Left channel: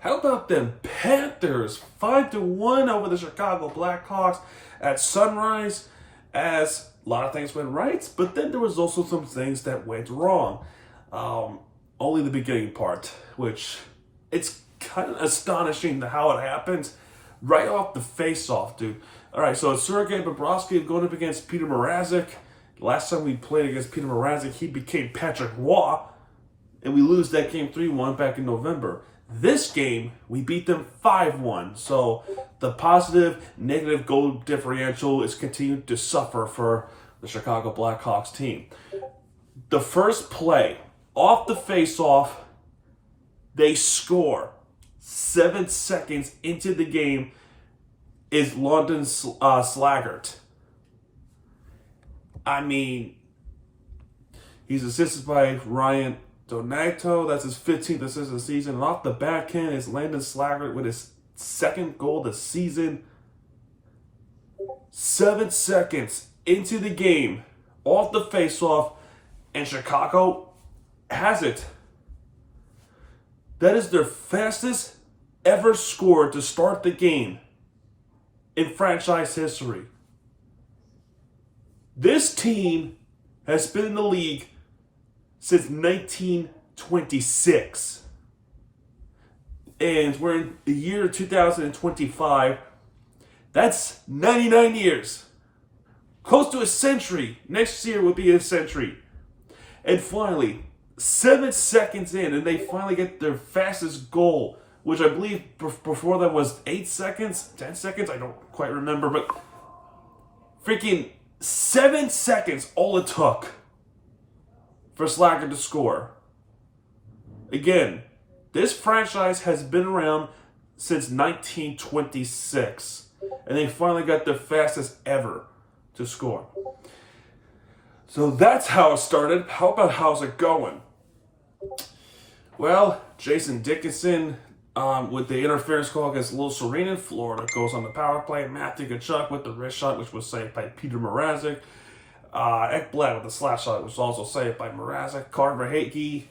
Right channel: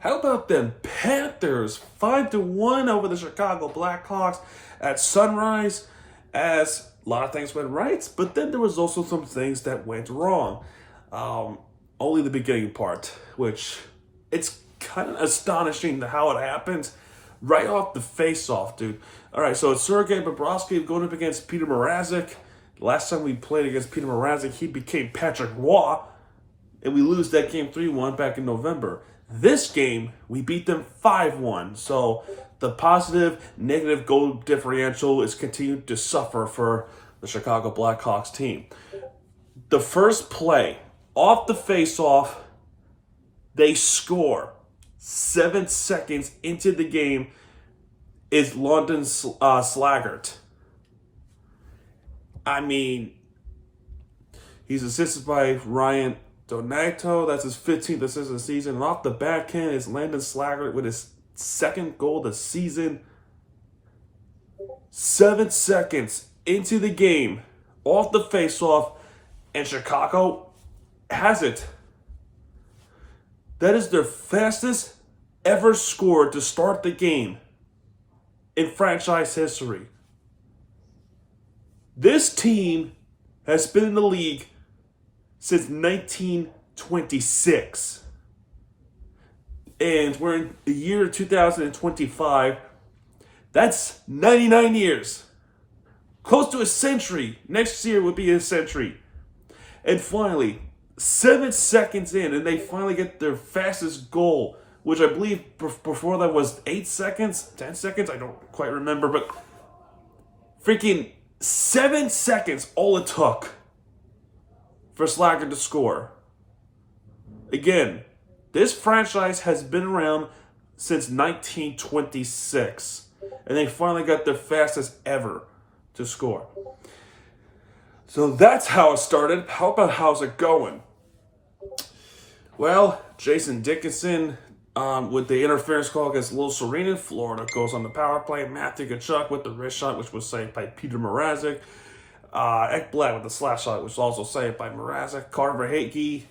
How about them Panthers 5-1 over the Chicago Blackhawks at Sunrise? As a lot of things went right, but then there was also some things that went wrong. Only the beginning part, which it's kind of astonishing how it happened right off the face-off, dude. All right, so it's Sergei Bobrovsky going up against Peter Mrazek. Last time we played against Peter Mrazek, he became Patrick Roy, and we lose that game 3-1 back in November. This game, we beat them 5-1. So the positive, negative goal differential is continuing to suffer for the Chicago Blackhawks team. The first play, off the face-off, they score. 7 seconds into the game is London Slaggert. I mean, he's assisted by Ryan Donato. That's his 15th assist of the season. And off the backhand is Landon Slaggert with his second goal of the season. 7 seconds into the game, off the face-off, and Chicago has it. That is their fastest ever score to start the game in franchise history. This team has been in the league since 1926. And we're in the year 2025. That's 99 years. Close to a century. Next year will be a century. And finally, 7 seconds in, and they finally get their fastest goal, which I believe before that was 8 seconds, 10 seconds, I don't quite remember, but freaking 7 seconds all it took for Slaggert to score. Again, this franchise has been around since 1926, and they finally got their fastest ever to score. So that's how it started. How about how's it going? Well, Jason Dickinson with the interference call against Lil Serena in Florida goes on the power play. Matthew Tkachuk with the wrist shot, which was saved by Peter Mrazek. Ekblad with the slap shot, which was also saved by Mrazek. Carter Verhaeghe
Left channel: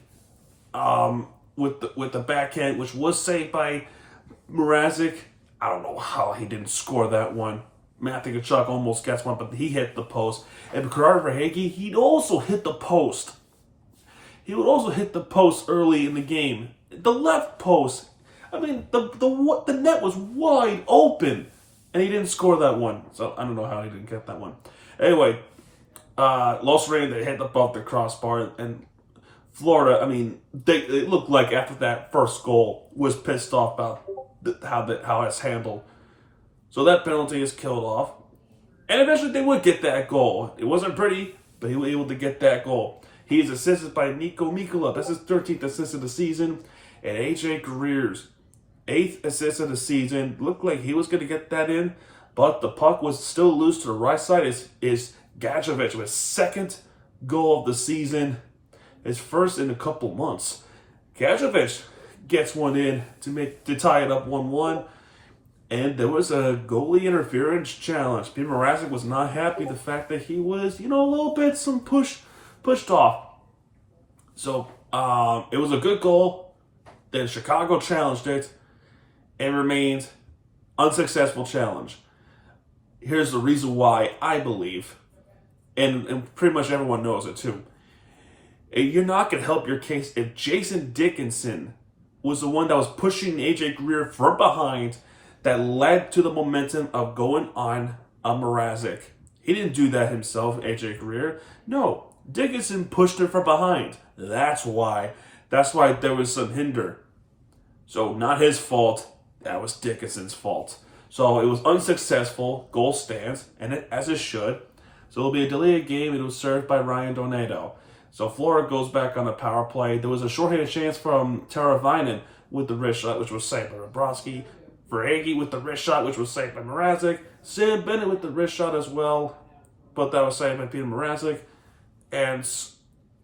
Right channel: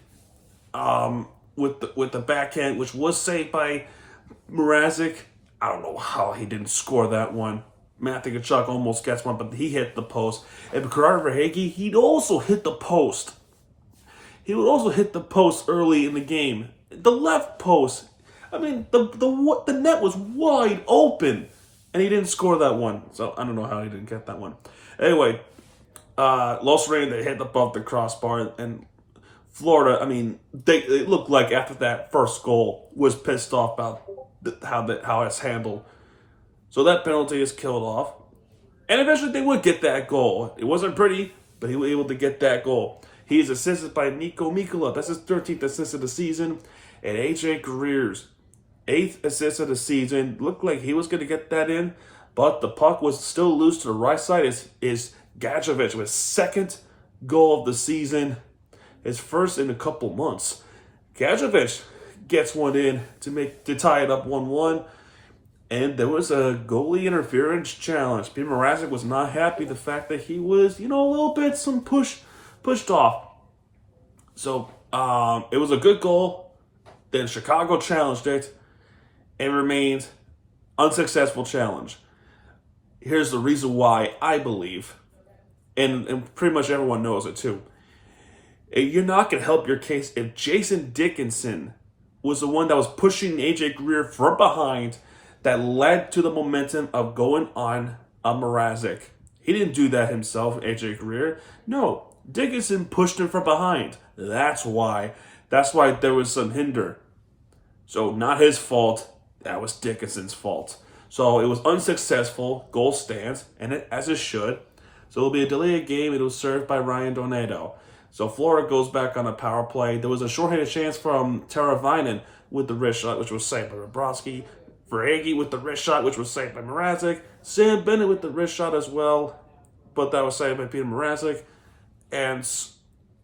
with the backhand, which was saved by Mrazek. I don't know how he didn't score that one. Matthew Tkachuk almost gets one, but he hit the post. And Carter Verhaeghe, he'd also hit the post. He would also hit the post early in the game. The left post. I mean, the net was wide open, and he didn't score that one. So I don't know how he didn't get that one. Anyway, Los Reyes, they hit above the crossbar, and Florida, I mean, it looked like after that first goal was pissed off about how it's handled. So that penalty is killed off. And eventually they would get that goal. It wasn't pretty, but he was able to get that goal. He is assisted by Nico Mikkola. That's his 13th assist of the season. And AJ Greer's 8th assist of the season. Looked like he was going to get that in, but the puck was still loose to the right side. Is Gadjevich with second goal of the season. His first in a couple months. Gadjevich gets one in to tie it up 1-1. And there was a goalie interference challenge. Peter Mrazek was not happy the fact that he was, a little bit pushed off. So it was a good goal. Then Chicago challenged it and remained unsuccessful challenge. Here's the reason why I believe, and pretty much everyone knows it too. You're not going to help your case if Jason Dickinson was the one that was pushing AJ Greer from behind that led to the momentum of going on Mrazek. He didn't do that himself, AJ Greer. No, Dickinson pushed him from behind. That's why there was some hinder. So not his fault. That was Dickinson's fault. So it was unsuccessful. Goal stands, and as it should. So it'll be a delayed game. It was served by Ryan Donato. So Florida goes back on a power play. There was a shorthanded chance from Teravainen with the wrist shot, which was saved by Bobrovsky. Verhaeghe with the wrist shot, which was saved by Mrazek. Sam Bennett with the wrist shot as well, but that was saved by Peter Mrazek. And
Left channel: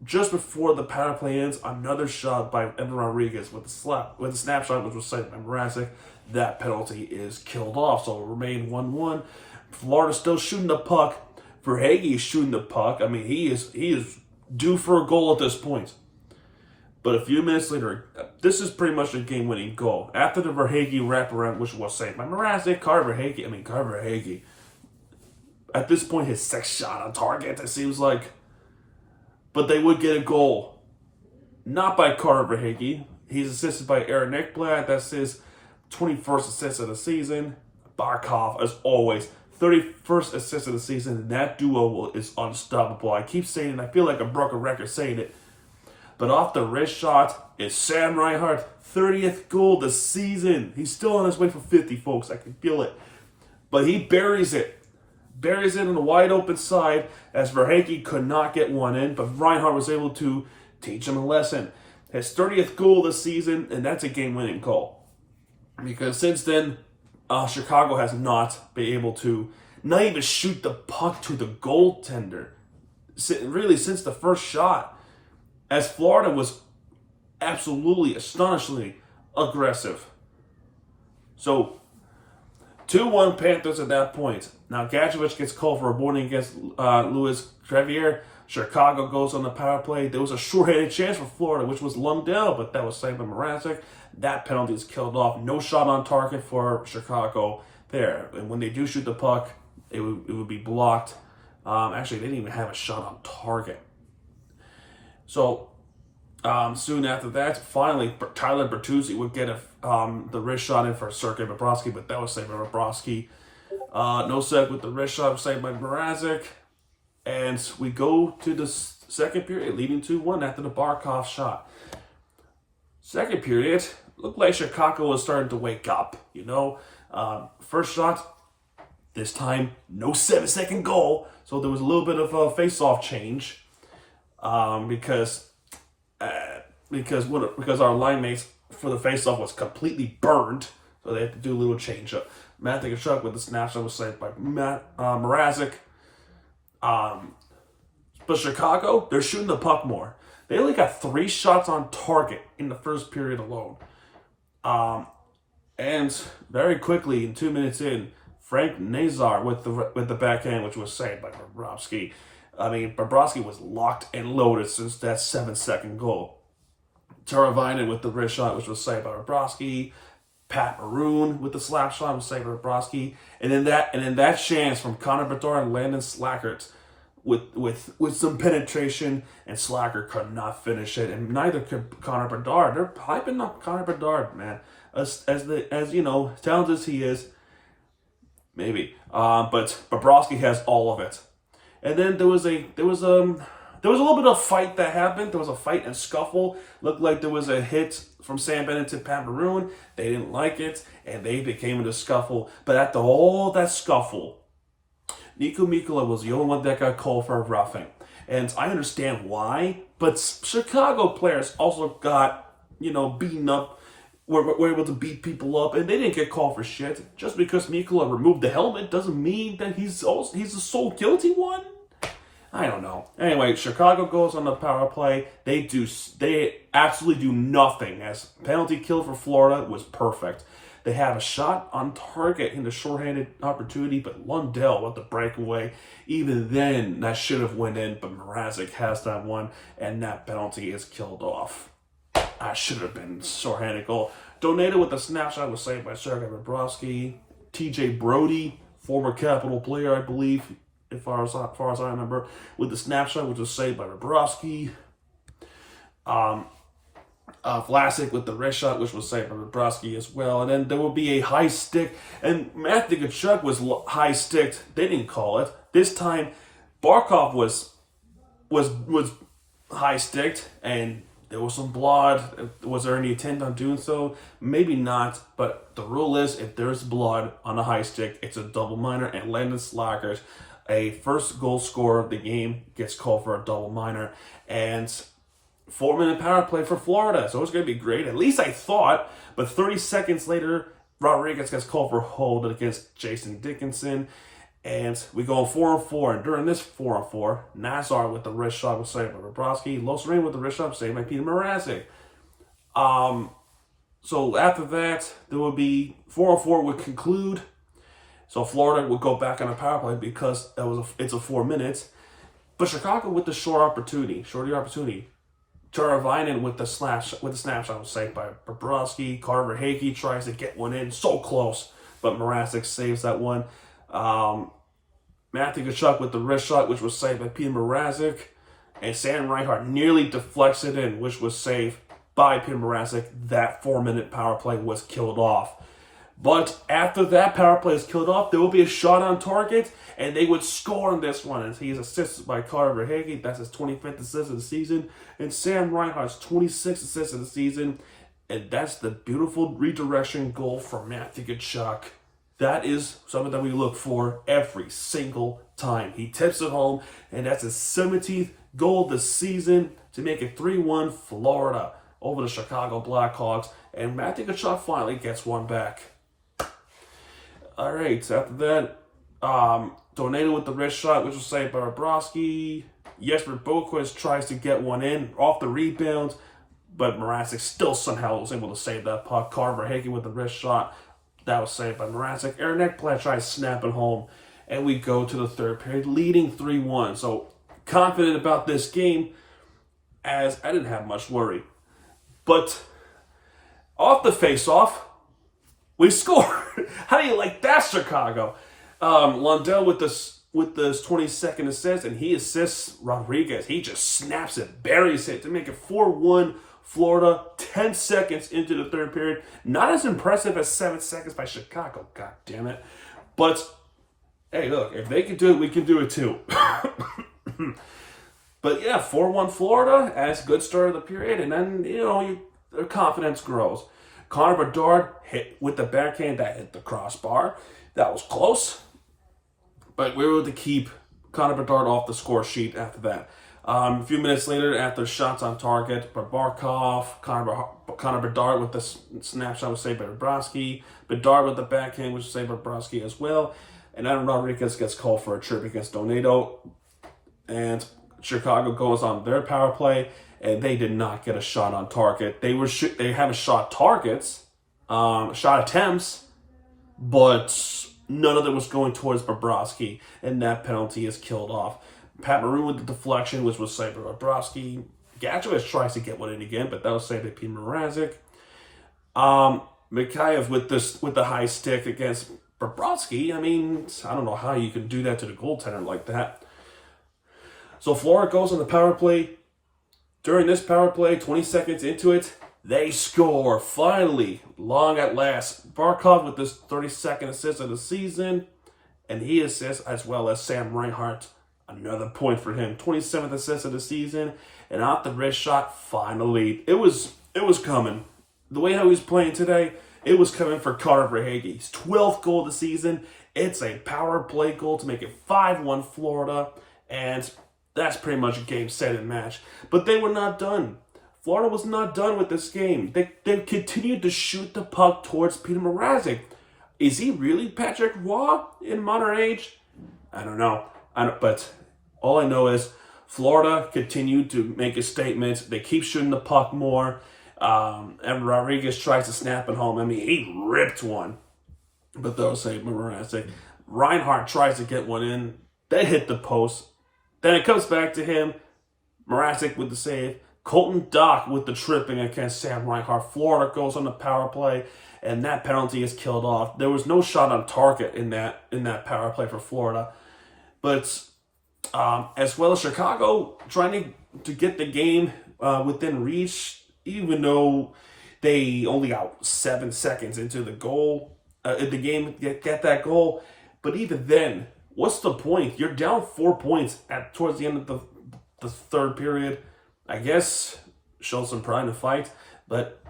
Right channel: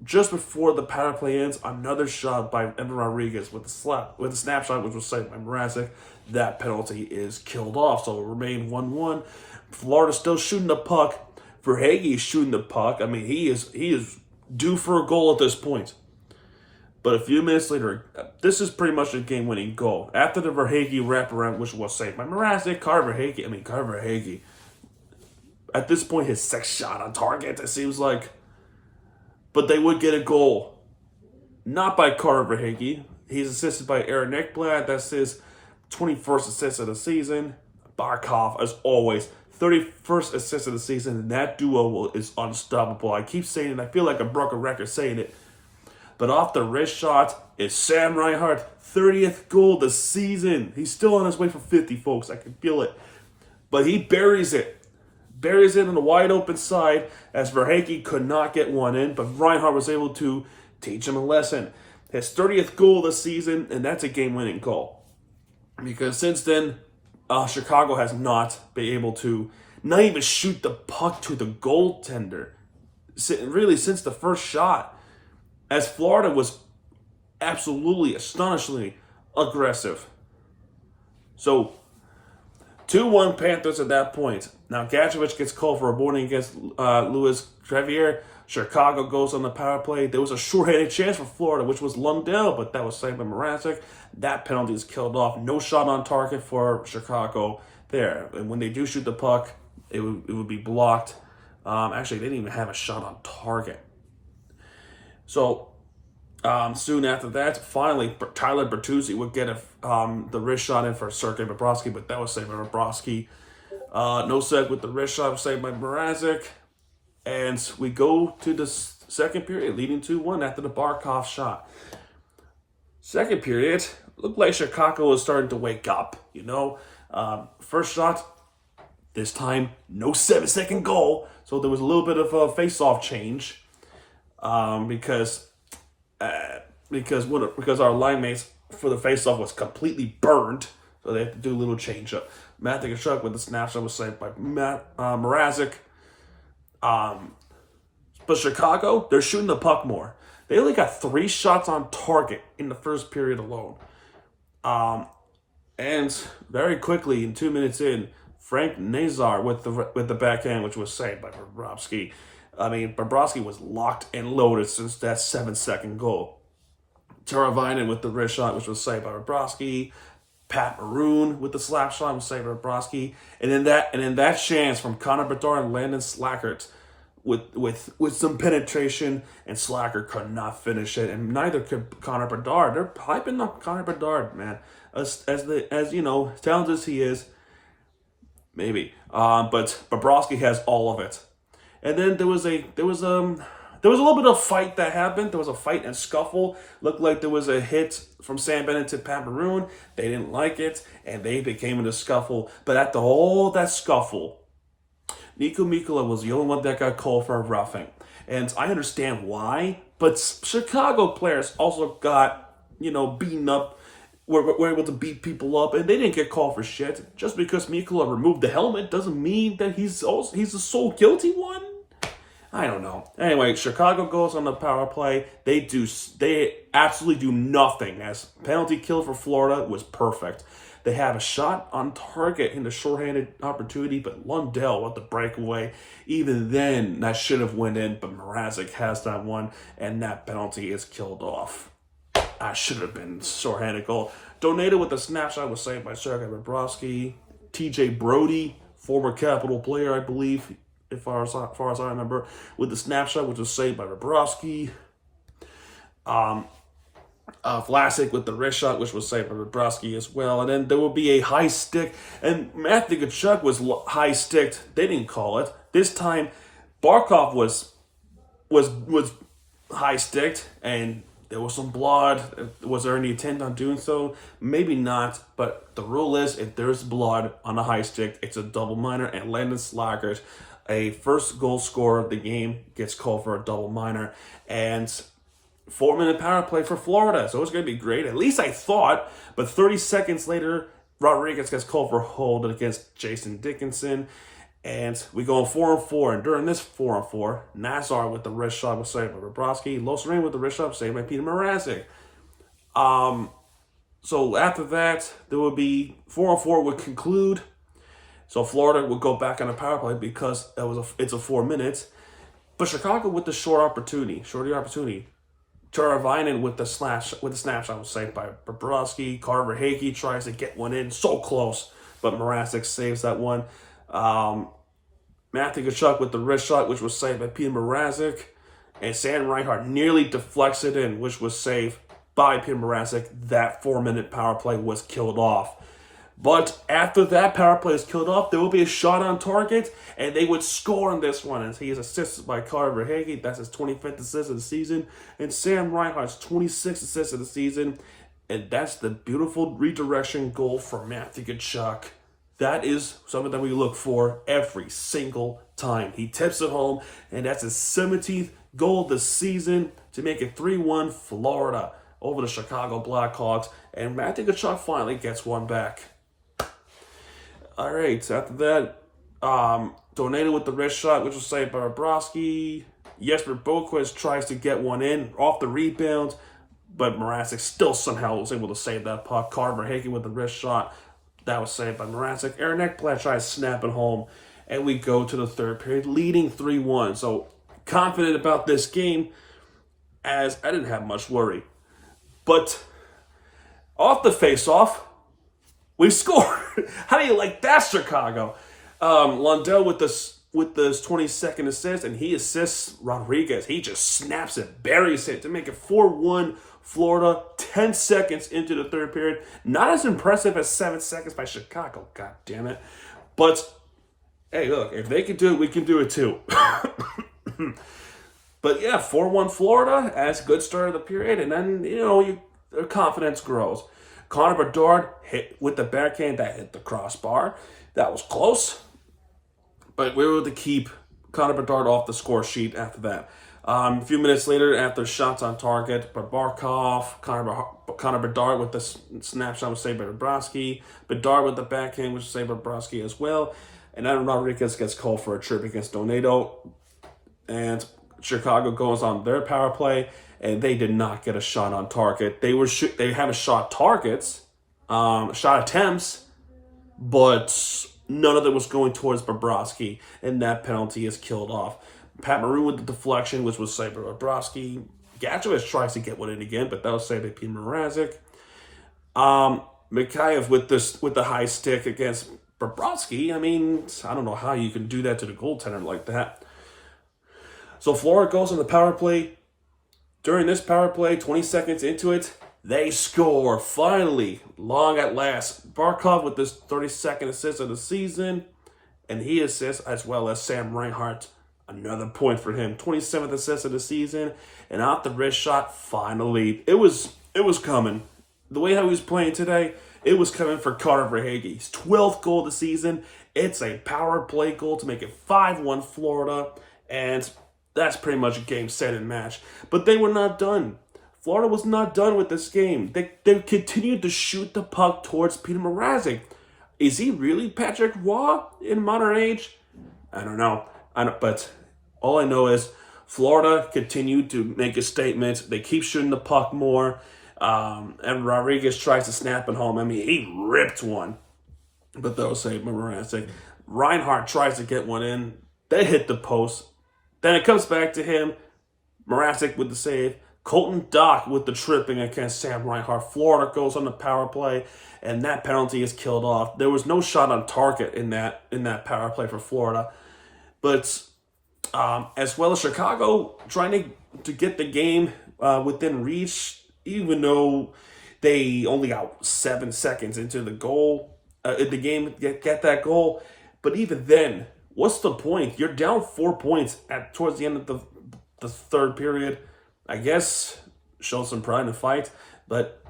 just before the power play ends, another shot by Evan Rodriguez with the snapshot, which was saved by Mrazek. That penalty is killed off, so it remained 1-1. Florida still shooting the puck. Verhaeghe is shooting the puck. I mean, he is due for a goal at this point. But a few minutes later, this is pretty much a game-winning goal. After the Verhaeghe wraparound, which was saved by Mrazek, Carter Verhaeghe, at this point, his sixth shot on target, it seems like. But they would get a goal. Not by Carter Verhaeghe. He's assisted by Aaron Ekblad. That's his 21st assist of the season. Barkov, as always, 31st assist of the season. And that duo is unstoppable. I keep saying it. I feel like a broken record saying it. But off the wrist shot is Sam Reinhart, 30th goal of the season. He's still on his way for 50, folks. I can feel it. But he buries it. Buries it on the wide open side as Verhaeghe could not get one in. But Reinhart was able to teach him a lesson. His 30th goal of the season, and that's a game-winning goal. Because since then, Chicago has not been able to not even shoot the puck to the goaltender. Really, since the first shot. As Florida was absolutely, astonishingly aggressive. So, 2-1 Panthers at that point. Now, Gadjevich gets called for a warning against Louis Crevier. Chicago goes on the power play. There was a short-handed chance for Florida, which was Lundell, but that was saved by Mrazek. That penalty is killed off. No shot on target for Chicago there. And when they do shoot the puck, it would be blocked. Actually, they didn't even have a shot on target. So, soon after that, finally, Tyler Bertuzzi would get the wrist shot in for Sergei Bobrovsky, but that was saved by Bobrovsky. Nosek with the wrist shot was saved by Mrazek. And we go to the second period, leading 2-1 after the Barkov shot. Second period, looked like Chicago was starting to wake up, you know. First shot, this time, no 7-second goal. So there was a little bit of a face-off change. Because our line mates for the faceoff was completely burned, so they had to do a little change up. Matthew Tkachuk with the snapshot was saved by Mrazek. But Chicago, they're shooting the puck more. They only got 3 shots on target in the first period alone. And very quickly, in 2 minutes in, Frank Nazar with the backhand, which was saved by Bobrovsky. Bobrovsky was locked and loaded since that 7-second goal. Teravainen with the wrist shot, which was saved by Bobrovsky. Pat Maroon with the slap shot was saved by Bobrovsky. And then that chance from Connor Bedard and Landon Slackert with some penetration, and Slacker could not finish it, and neither could Connor Bedard. They're hyping up Connor Bedard, man, as you know, talented as he is, maybe. But Bobrovsky has all of it. And then there was a little bit of fight that happened. There was a fight and scuffle. Looked like there was a hit from Sam Bennett to Pat Maroon. They didn't like it, and they became in a scuffle. But after all that scuffle, Nico Mikkola was the only one that got called for a roughing. And I understand why, but Chicago players also got, beaten up, were able to beat people up, and they didn't get called for shit. Just because Mikkola removed the helmet doesn't mean that he's the sole guilty one. I don't know. Anyway, Chicago goes on the power play. They absolutely do nothing, as penalty kill for Florida was perfect. They have a shot on target in the shorthanded opportunity, but Lundell with the breakaway. Even then, that should have went in, but Mrazek has that one, and that penalty is killed off. That should have been shorthanded goal. Donato with the snapshot was saved by Sergei Bobrovsky. TJ Brody, former Capital player, I believe, as far as I remember, with the snapshot, which was saved by Bobrovsky. Vlasic with the wrist shot, which was saved by Bobrovsky as well. And then there will be a high stick, and Matthew Tkachuk was high sticked. They didn't call it. This time, Barkov was high sticked, and there was some blood. Was there any intent on doing so? Maybe not, but the rule is if there's blood on a high stick, it's a double minor, and Landon Slackert, a first goal scorer of the game, gets called for a double minor. And 4-minute power play for Florida, so it's going to be great. At least I thought. But 30 seconds later, Rodriguez gets called for hold against Jason Dickinson. And we go on 4-on-4. And during this 4-on-4, Nazar with the wrist shot was saved by Bobrovsky. Losereen with the wrist shot was saved by Peter Mrazek. So after that, there would be 4-on-4 would conclude. So Florida would go back on a power play because it's a 4 minutes. But Chicago with the shorty opportunity. Teravainen with the snapshot was saved by Bobrovsky. Carter Verhaeghe tries to get one in, so close, but Mrazek saves that one. Matthew Tkachuk with the wrist shot, which was saved by Peter Mrazek. And Sam Reinhart nearly deflects it in, which was saved by Peter Mrazek. That 4-minute power play was killed off. But after that power play is killed off, there will be a shot on target, and they would score on this one. As he is assisted by Carter Verhaeghe. That's his 25th assist of the season. And Sam Reinhart's 26th assist of the season. And that's the beautiful redirection goal for Matthew Tkachuk. That is something that we look for every single time. He tips it home, and that's his 17th goal of the season to make it 3-1 Florida over the Chicago Blackhawks. And Matthew Tkachuk finally gets one back. All right, so after that, Donato with the wrist shot, which was saved by Bobrovsky. Jesper Boquist tries to get one in off the rebound, but Mrazek still somehow was able to save that puck. Carter Verhaeghe with the wrist shot. That was saved by Mrazek. Aaron Ekblad tries snapping home, and we go to the third period, leading 3-1. So confident about this game, as I didn't have much worry. But off the face-off, we score. How do you like that, Chicago? Lundell with this 22nd assist, and he assists Rodriguez. He just snaps it, buries it to make it 4-1 Florida. 10 seconds into the third period. Not as impressive as 7 seconds by Chicago. God damn it. But hey, look, if they can do it, we can do it too. But yeah, 4-1 Florida as a good start of the period, and then their confidence grows. Connor Bedard hit with the backhand that hit the crossbar. That was close, but we were able to keep Connor Bedard off the score sheet after that. A few minutes later, after shots on target, Barkov, Connor Bedard with the snapshot was saved by Bobrovsky. Bedard with the backhand was saved by Bobrovsky as well. And then Rodriguez gets called for a trip against Donato. And Chicago goes on their power play, and they did not get a shot on target. They have a shot targets, shot attempts, but none of them was going towards Bobrovsky, and that penalty is killed off. Pat Maroon with the deflection, which was saved by Bobrovsky. Gatchowicz tries to get one in again, but that was saved by Peter Mrazek. Mikheyev with the high stick against Bobrovsky. I mean, I don't know how you can do that to the goaltender like that. So Florida goes on the power play. During this power play, 20 seconds into it, they score. Finally, long at last. Barkov with this 32nd assist of the season, and he assists as well as Sam Reinhart. Another point for him. 27th assist of the season, and off the wrist shot, finally. It was coming. The way how he was playing today, it was coming for Carter Verhaeghe. His 12th goal of the season. It's a power play goal to make it 5-1 Florida, and that's pretty much a game, set, and match. But they were not done. Florida was not done with this game. They continued to shoot the puck towards Peter Mrazek. Is he really Patrick Roy in modern age? I don't know. But all I know is Florida continued to make a statement. They keep shooting the puck more. And Rodriguez tries to snap it home. I mean, he ripped one. But they'll say Mrazek. Reinhart tries to get one in. They hit the post. Then it comes back to him. Mrazek with the save. Colton Dach with the tripping against Sam Reinhart. Florida goes on the power play, and that penalty is killed off. There was no shot on target in that power play for Florida. But as well as Chicago trying to get the game within reach, even though they only got 7 seconds into the game, get that goal. But even then, what's the point? You're down 4 points towards the end of the third period. I guess show some pride in the fight, but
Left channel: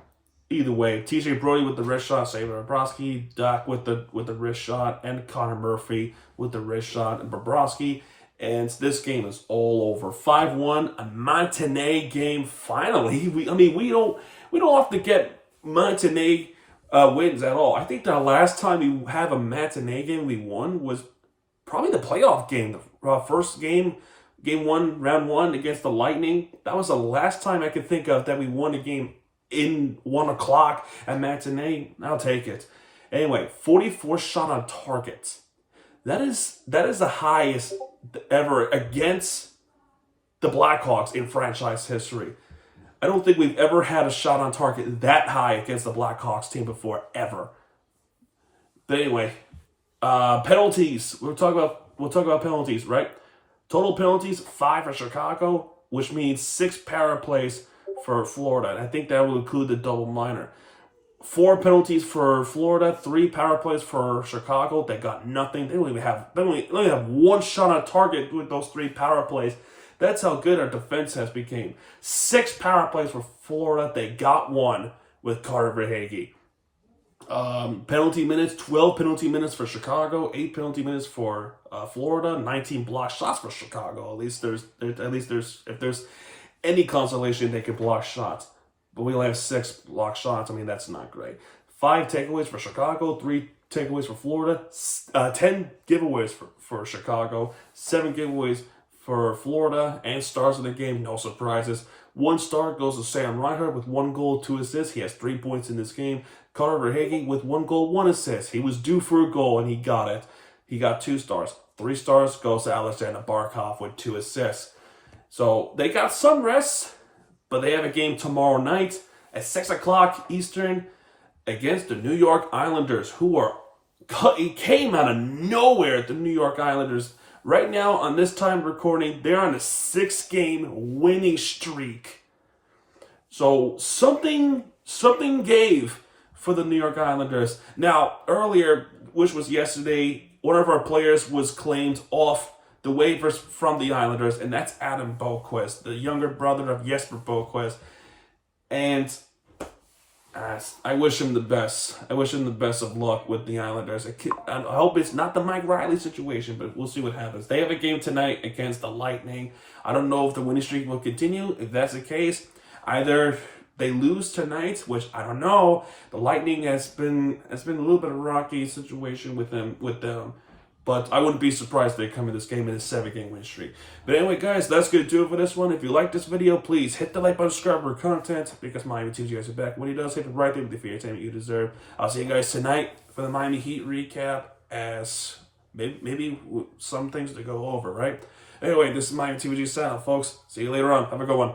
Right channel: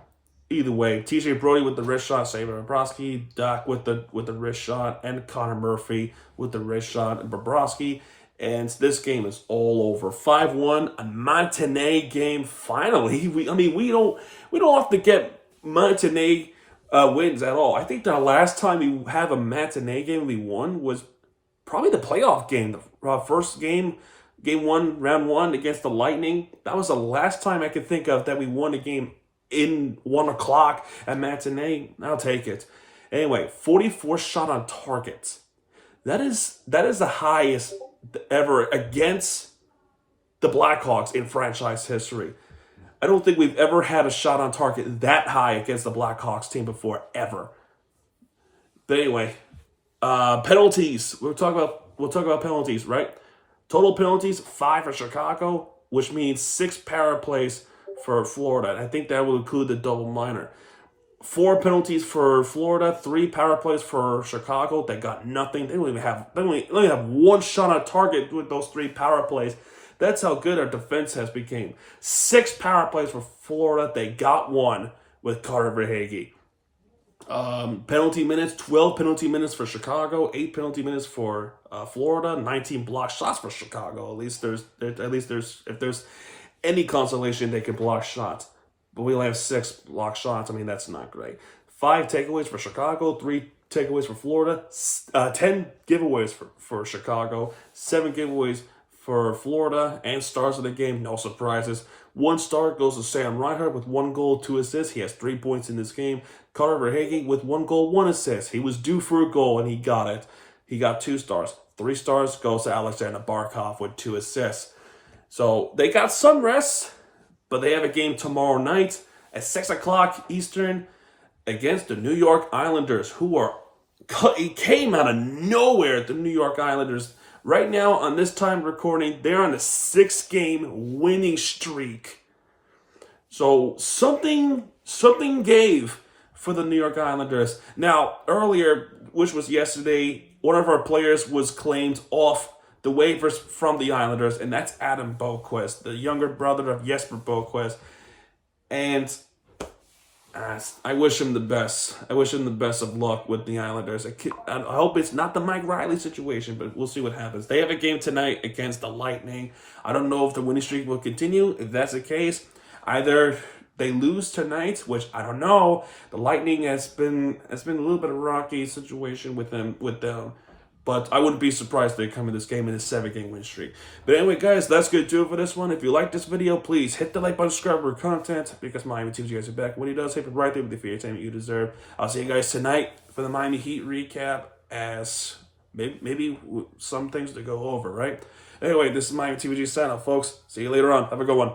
either way, TJ Brody with the wrist shot, saved by Bobrovsky. Doc with the wrist shot, and Connor Murphy with the wrist shot, and Bobrovsky. And this game is all over. 5-1, a MATINEE game. Finally, we don't often get MATINEE wins at all. I think the last time we have a MATINEE game we won was probably the playoff game, the first game. Game 1, round 1 against the Lightning. That was the last time I could think of that we won a game in 1 o'clock at MATINEE. I'll take it. Anyway, 44 shot on targets. That is the highest ever against the Blackhawks in franchise history. I don't think we've ever had a shot on target that high against the Blackhawks team before, ever. But anyway, penalties. We'll talk about penalties, right? Total penalties, 5 for Chicago, which means 6 power plays for Florida. And I think that will include the double minor. 4 penalties for Florida, 3 power plays for Chicago. They got nothing. They only have 1 shot on target with those 3 power plays. That's how good our defense has become. 6 power plays for Florida. They got 1 with Carter Verhaeghe. Penalty minutes, 12 penalty minutes for Chicago, 8 penalty minutes for Florida, 19 block shots for Chicago. At least there's if there's any consolation, they can block shots. But we only have 6 block shots. I mean, that's not great. 5 takeaways for Chicago, 3 takeaways for Florida, 10 giveaways for Chicago, 7 giveaways for Florida, and stars of the game, no surprises. 1 star goes to Sam Reinhart with 1 goal, 2 assists. He has 3 points in this game. Carter Verhaeghe with 1 goal, 1 assist. He was due for a goal, and he got it. He got 2 stars. 3 stars goes to Alexander Barkov with 2 assists. So they got some rest, but they have a game tomorrow night at 6 o'clock Eastern against the New York Islanders, it came out of nowhere, the New York Islanders. Right now, on this time recording, they're on a 6-game winning streak. So something gave for the New York Islanders. Now, earlier, which was yesterday, one of our players was claimed off the waivers from the Islanders, and that's Adam Boqvist, the younger brother of Jesper Boqvist. And I wish him the best. I wish him the best of luck with the Islanders. I hope it's not the Mike Riley situation, but we'll see what happens. They have a game tonight against the Lightning. I don't know if the winning streak will continue. If that's the case, either they lose tonight, which I don't know. The Lightning has been a little bit of a rocky situation with them. But I wouldn't be surprised if they come in this game in a 7-game win streak. But anyway, guys, that's going to do it for this one. If you like this video, please hit the like button, subscribe for content, because Miami teams you guys are back. When he does, hit it right there with the entertainment you deserve. I'll see you guys tonight for the Miami Heat recap, as maybe some things to go over, right? Anyway, this is Miami TVG sign off, folks. See you later on. Have a good one.